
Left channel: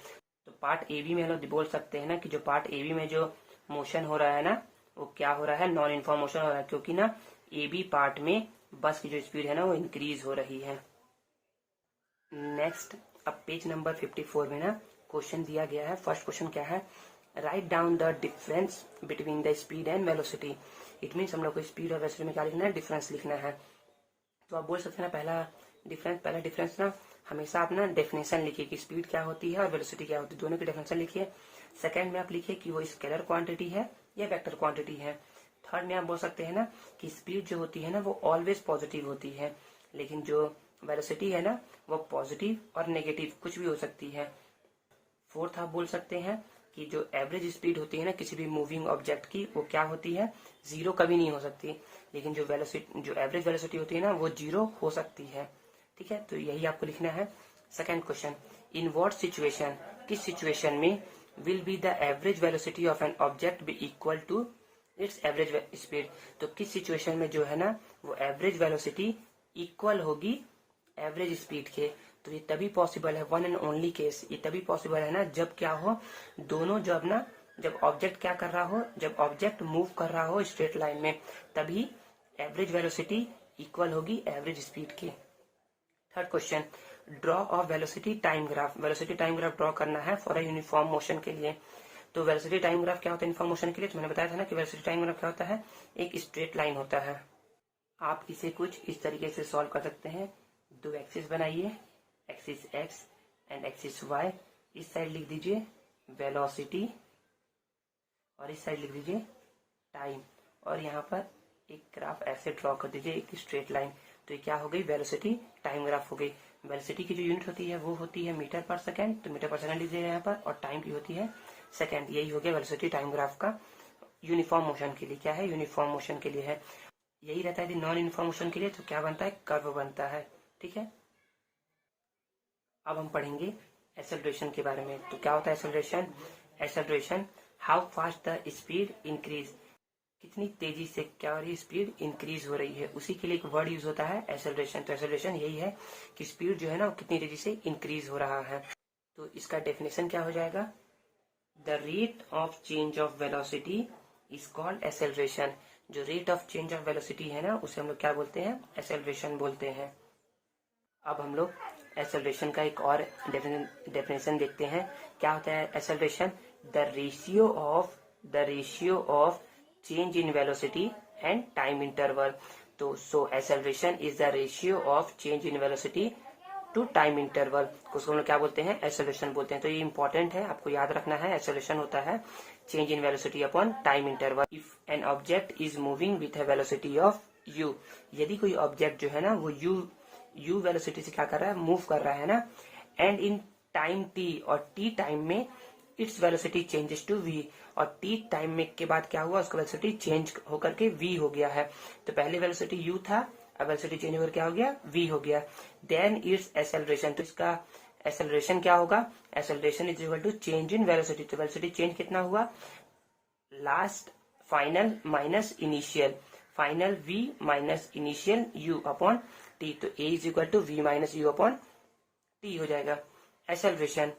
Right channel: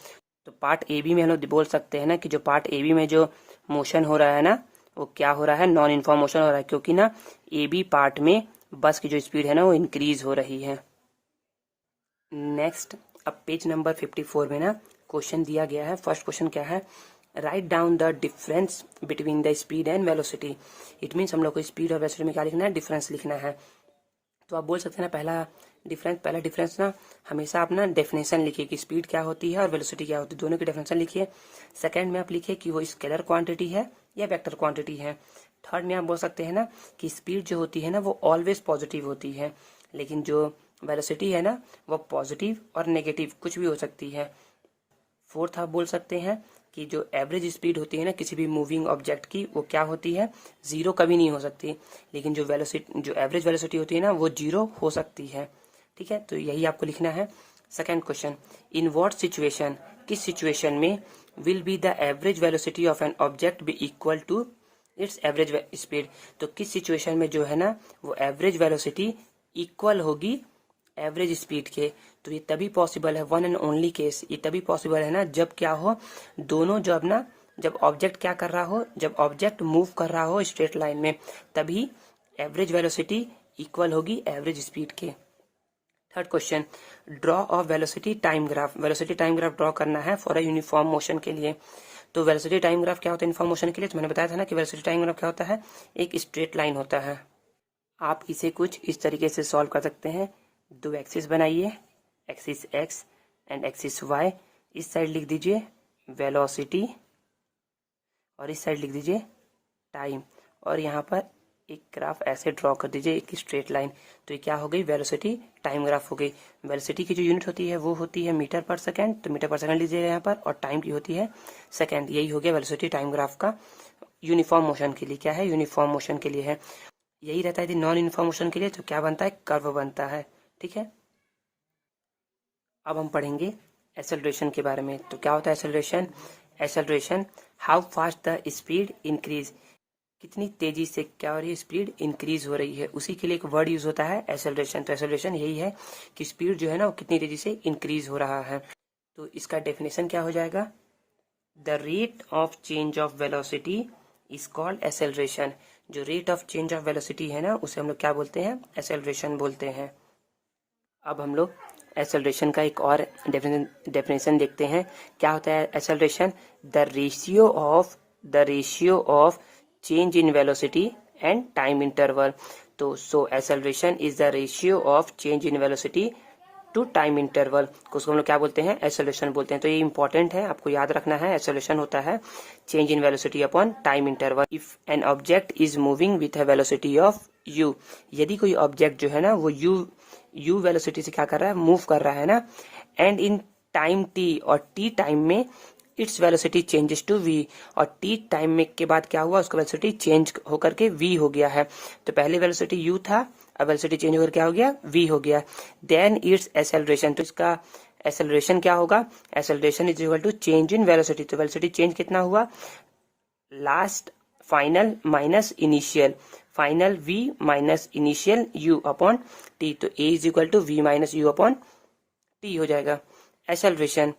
तो पार्ट ए बी में हम लोग बोल सकते हैं ना कि जो पार्ट ए बी में जो मोशन हो रहा है ना वो क्या हो रहा है, नॉन यूनिफॉर्म मोशन हो रहा है, क्योंकि ना ए बी पार्ट में बस की जो स्पीड है ना वो इंक्रीज हो रही है। नेक्स्ट, अब पेज नंबर 54 में ना क्वेश्चन दिया गया है। फर्स्ट क्वेश्चन क्या है, write down the difference between the speed and velocity. It means हम लोग को स्पीड और वेलोसिटी में क्या लिखना है, डिफरेंस लिखना है। तो आप बोल सकते हैं ना पहला डिफरेंस ना हमेशा आप ना डेफिनेशन लिखिए कि स्पीड क्या होती है और वेलोसिटी क्या होती है, दोनों की डेफिनेशन लिखिए। सेकंड में आप लिखिए कि वो स्केलर क्वांटिटी है या वेक्टर क्वांटिटी है। थर्ड में आप बोल सकते हैं ना कि स्पीड जो होती है ना वो ऑलवेज पॉजिटिव होती है, लेकिन जो वेलोसिटी है ना वो पॉजिटिव और नेगेटिव कुछ भी हो सकती है। फोर्थ आप बोल सकते हैं कि जो एवरेज स्पीड होती है ना किसी भी मूविंग ऑब्जेक्ट की वो क्या होती है, जीरो कभी नहीं हो सकती, लेकिन जो एवरेज वेलोसिटी होती है ना वो जीरो हो सकती है। ठीक है, तो यही आपको लिखना है। Second question, in what situation, किस सिचुएशन में will be the average velocity of an object be equal to its average speed. तो किस सिचुएशन में जो है ना वो एवरेज वेलोसिटी इक्वल होगी एवरेज स्पीड के। तो ये तभी पॉसिबल है, वन एंड ओनली केस, ये तभी पॉसिबल है ना जब क्या हो, दोनों जब ऑब्जेक्ट क्या कर रहा हो, जब ऑब्जेक्ट मूव कर रहा हो स्ट्रेट लाइन में, तभी एवरेज वेलोसिटी इक्वल होगी एवरेज स्पीड के। Third question, draw of velocity time graph. Velocity time graph draw करना है फॉर अ यूनिफॉर्म मोशन के लिए। तो वेलोसिटी टाइम ग्राफ क्या होता है यूनिफॉर्म मोशन के लिए, तो मैंने बताया था ना कि वेलोसिटी टाइम ग्राफ क्या होता है, एक स्ट्रेट लाइन होता है। आप इसे कुछ इस तरीके से सॉल्व कर सकते हैं। दो एक्सिस बनाइए, axis x and axis y. इस साइड लिख दीजिए वेलोसिटी और इस साइड लिख दीजिए टाइम, और यहाँ पर एक ग्राफ ऐसे ड्रॉ कर दीजिए, एक स्ट्रेट लाइन। तो ये क्या हो गई, वेलोसिटी टाइम ग्राफ हो गई। वेलोसिटी की जो यूनिट होती है वो होती है मीटर पर सेकेंड, तो मीटर पर सेकेंड लीजिएगा यहाँ पर, और टाइम की होती है सेकेंड। यही हो गया वेलोसिटी टाइम ग्राफ का यूनिफॉर्म मोशन के लिए। क्या है, यूनिफॉर्म मोशन के लिए है। यही रहता है नॉन यूनिफॉर्म मोशन के लिए तो क्या बनता है, कर्व बनता है। ठीक है, अब हम पढ़ेंगे एक्सेलरेशन के बारे में। तो क्या होता है acceleration, acceleration how fast the speed increase, कितनी तेजी से क्या हो रही है, स्पीड इंक्रीज हो रही है, उसी के लिए एक वर्ड यूज होता है एक्सेलरेशन। तो एक्सेलरेशन यही है कि स्पीड जो है ना वो कितनी तेजी से इंक्रीज हो रहा है। तो इसका डेफिनेशन क्या हो जाएगा, the rate of change of velocity is called acceleration. जो rate of change of velocity है ना उसे हम लोग क्या बोलते हैं, एक्सेलरेशन बोलते हैं। अब हम लोग एक्सेलरेशन का एक और डेफिनेशन देखते हैं। क्या होता है acceleration, the ratio of change in velocity and time interval. तो so acceleration is the ratio of change in velocity to time interval, उसको हम लोग क्या बोलते हैं, एक्सेलरेशन बोलते हैं। तो ये इंपॉर्टेंट है, आपको याद रखना है। एक्सेलरेशन होता है change in velocity upon time interval. If N object is moving with a velocity of u, यदि कोई ऑब्जेक्ट जो है ना वो u वेलोसिटी से क्या कर रहा है, मूव कर रहा है ना, एंड इन टाइम t, और t टाइम में its velocity changes to v, और t टाइम में के बाद क्या हुआ, उसका वेलोसिटी चेंज होकर के v हो गया है। तो पहले वेलोसिटी u था, अब वेलोसिटी चेंज होकर क्या हो गया, v हो गया। देन इट्स एक्सेलरेशन, तो इसका एक्सेलरेशन क्या होगा, acceleration is equal to change in velocity. तो वेलोसिटी चेंज कितना हुआ, last final minus initial, final v minus initial u upon t। तो a is equal to v minus u upon t हो जाएगा। Acceleration,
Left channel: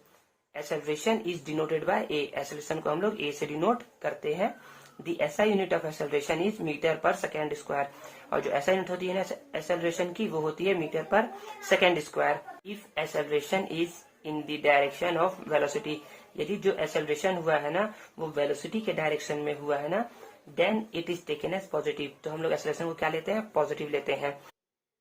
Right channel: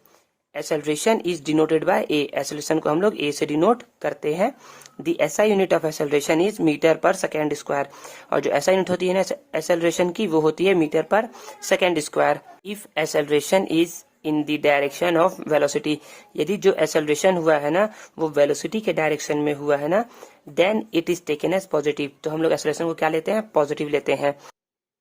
acceleration is denoted by a, acceleration को हम लोग a से डिनोट करते हैं। The SI unit of acceleration is metre per second square, और जो SI यूनिट होती है ना एक्सेलरेशन की वो होती है metre per second square. If acceleration is in the direction of velocity, यदि जो एक्सेलरेशन हुआ है ना वो वेलोसिटी के डायरेक्शन में हुआ है ना, then it is taken as positive. तो हम लोग एक्सेलरेशन को क्या लेते हैं, पॉजिटिव लेते हैं।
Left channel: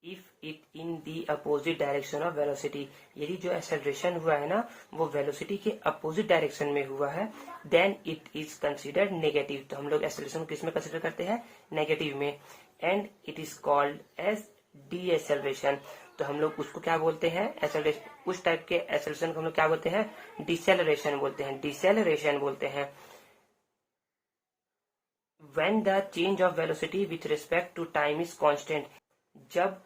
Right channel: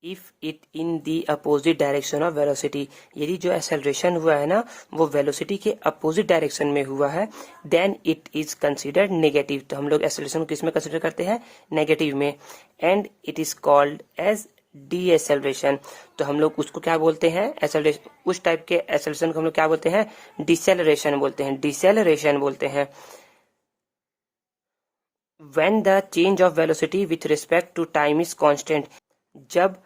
If it in the opposite direction of velocity, यदि जो एक्सेलरेशन हुआ है ना वो वेलोसिटी के अपोजिट डायरेक्शन में हुआ है, then it is considered negative. तो हम लोग एक्सेलरेशन को किस में कंसिडर करते हैं, नेगेटिव में। And it is called as de acceleration. तो हम लोग उसको क्या बोलते हैं, एक्सेलरेशन, उस टाइप के एक्सेलरेशन को हम लोग क्या बोलते हैं, डिसेलरेशन बोलते हैं, डिसेलरेशन बोलते हैं। When the change of velocity with respect to time is constant, जब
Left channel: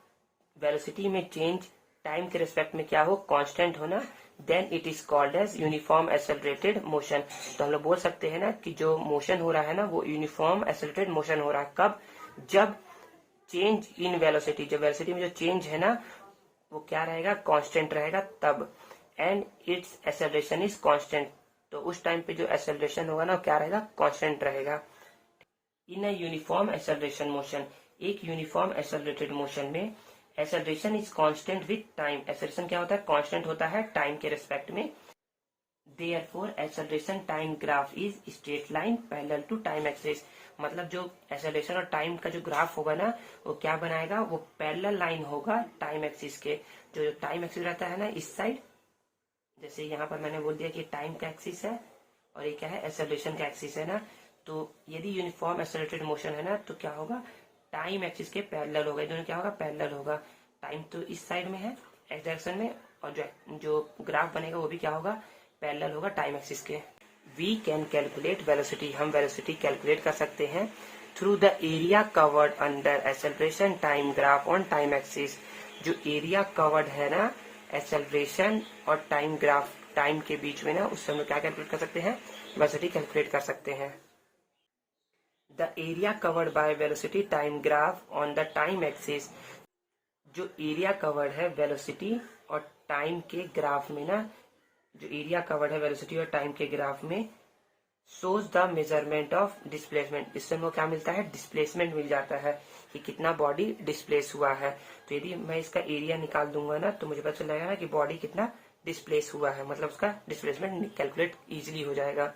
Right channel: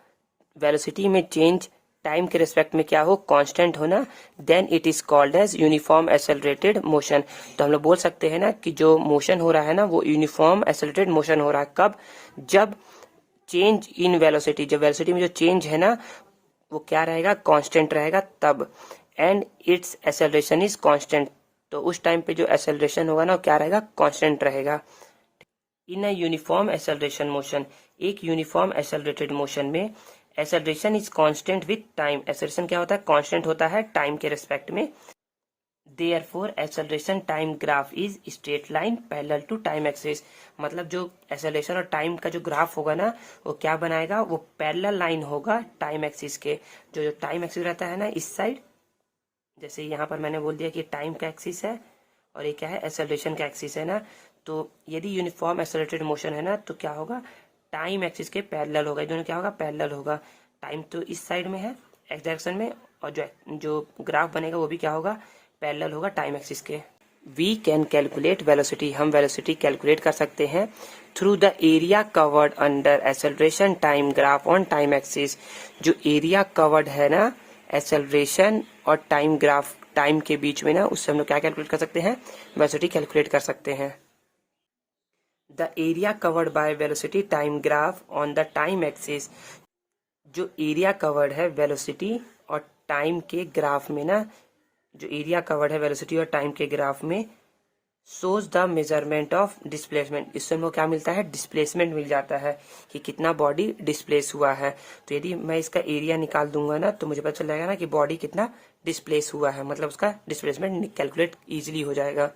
वेलोसिटी में चेंज टाइम के रिस्पेक्ट में क्या हो, कांस्टेंट हो ना, then it is called as uniform accelerated motion. तो हम लोग बोल सकते हैं ना कि जो मोशन हो रहा है ना वो यूनिफॉर्म एक्सेलरेटेड मोशन हो रहा है। कब, जब चेंज इन वेलोसिटी, जब वेलोसिटी में जो चेंज है ना वो क्या रहेगा, कांस्टेंट रहेगा तब। And it's acceleration is constant, तो उस टाइम पे जो एक्सेलरेशन होगा ना वो क्या रहेगा, कांस्टेंट रहेगा। इन अ यूनिफॉर्म एक्सेलरेशन मोशन, एक यूनिफॉर्म एक्सेलरेटेड मोशन में acceleration is constant with time, acceleration क्या होता है, कांस्टेंट होता है टाइम के रिस्पेक्ट में। Therefore acceleration time graph is straight line parallel to time axis, मतलब जो एक्सेलरेशन और टाइम का जो ग्राफ होगा ना वो क्या बनाएगा, वो पैरेलल लाइन होगा टाइम एक्सिस के। जो टाइम एक्सिस रहता है ना इस साइड, जैसे यहाँ पर मैंने बोल दिया कि टाइम का एक्सिस है और ये क्या है, एक्सेलरेशन का एक्सिस है ना, तो यदि यूनिफॉर्म एक्सेलरेटेड मोशन है ना तो क्या होगा, टाइम एक्सिस के पैरेलल होगा, दोनों क्या होगा, पैरेलल होगा। टाइम तो इस साइड में है एक्स डायरेक्शन में, और जो ग्राफ बनेगा वो भी क्या होगा, पैरेलल होगा टाइम एक्सिस के। वी कैन कैलकुलेट वेलोसिटी, हम वेलोसिटी कैलकुलेट कर सकते हैं through the area covered under acceleration time graph on time axis, जो एरिया कवर्ड है ना एक्सेलरेशन और टाइम ग्राफ, टाइम के बीच में ना, उससे हम लोग क्या कैलकुलेट कर सकते हैं, वेलोसिटी कैलकुलेट कर सकते हैं। The area covered by velocity time graph on the time axis, जो एरिया कवर्ड है वेलोसिटी और टाइम के ग्राफ में ना, जो एरिया कवर्ड है वेलोसिटी और टाइम के ग्राफ में, shows the measurement of displacement, इससे हमको क्या मिलता है, डिस्प्लेसमेंट मिल जाता है कि कितना बॉडी डिस्प्लेस हुआ है। तो यदि मैं इसका एरिया निकाल दूंगा ना तो मुझे पता चल जाएगा ना कि बॉडी कितना डिस्प्लेस हुआ है, मतलब उसका डिस्प्लेसमेंट कैलकुलेट इजीली हो जाएगा।